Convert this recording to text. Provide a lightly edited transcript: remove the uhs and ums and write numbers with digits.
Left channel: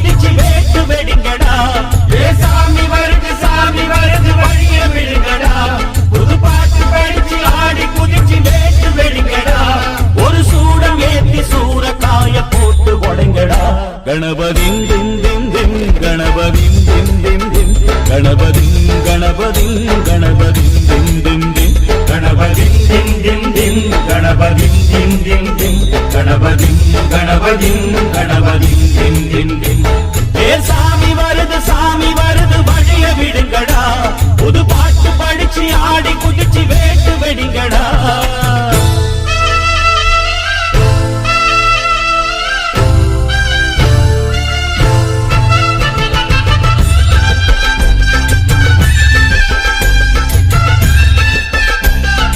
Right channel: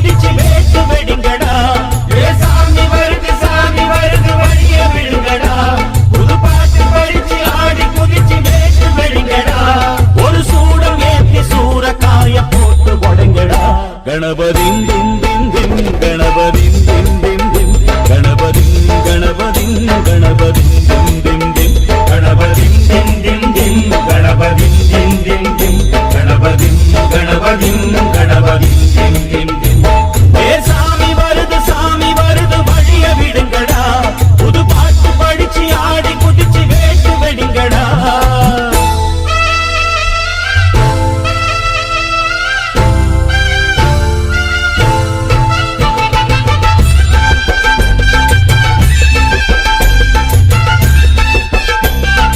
குதிச்சு வேட்டு வெடிங்கடா. சாமி வருது வழிய விடுங்கடா. புது பாட்டு படிச்சு ஆடி குதிச்சு வேட்டு வெடிங்கடா. ஒரு சூடம் ஏத்தி சூறக்காய போட்டு கொடைங்கடா. கணபதிம் திம் திம் திம் கணபதிம் திம் திம் திம் கணபதிம் கணபதிம் கணபதிம் திம் திம் திம் கணபதிம் திம் திம் திம் கணபதிம் திம் திம் திம் கணபதிம் கணபதிம் கணபதிம் திம் திம் திம்.